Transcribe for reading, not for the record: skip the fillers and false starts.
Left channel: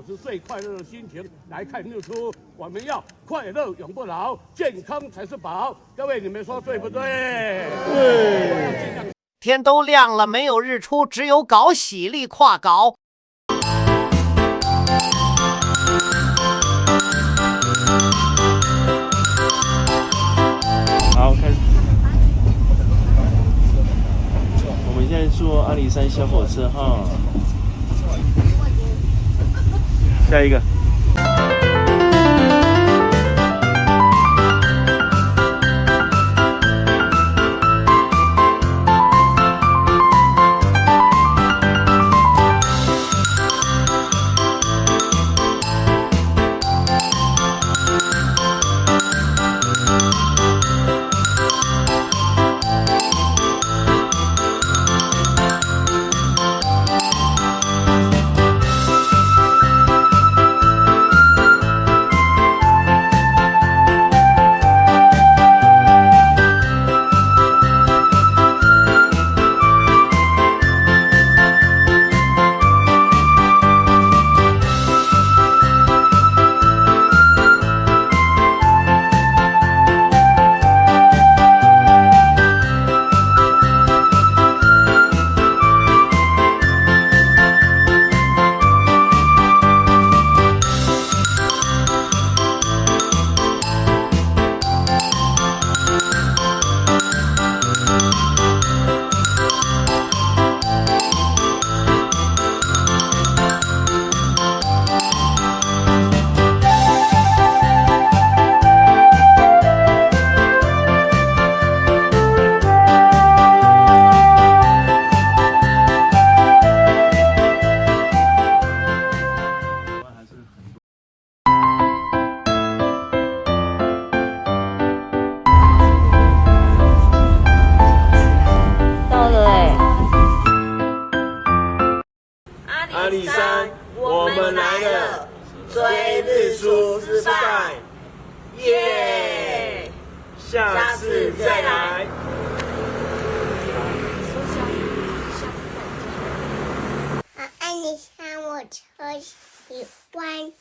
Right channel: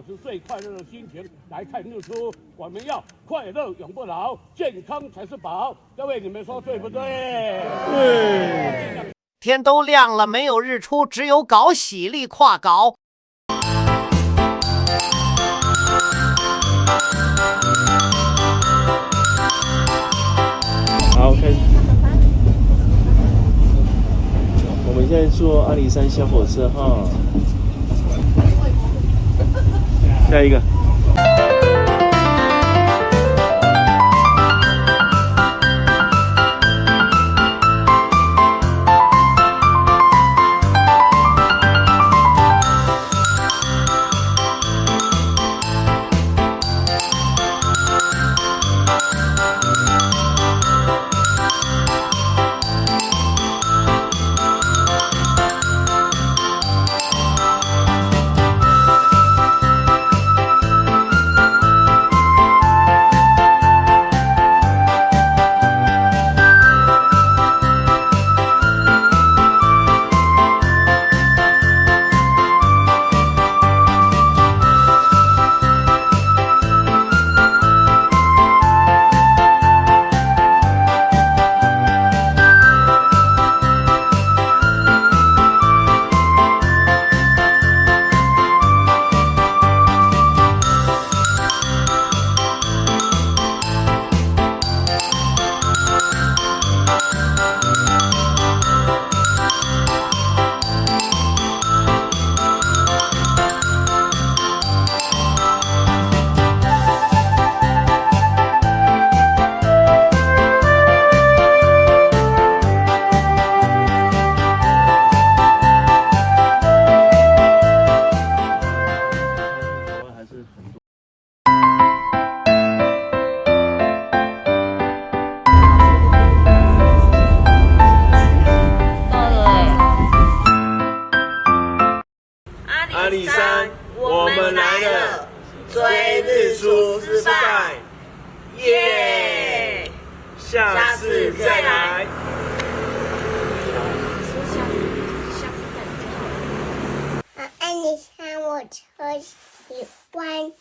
保持最快乐的心情来看日出。我们要快乐永不老，健康才是宝。各位，你们说对不对？天都亮了，没有日出，只有搞喜力跨搞。好，开始。我们现在坐阿里山小火车哈。下一个。阿里山，我们来了，追日出失败，耶！下次再来。说下次再来就好了。阿里山，我超喜欢。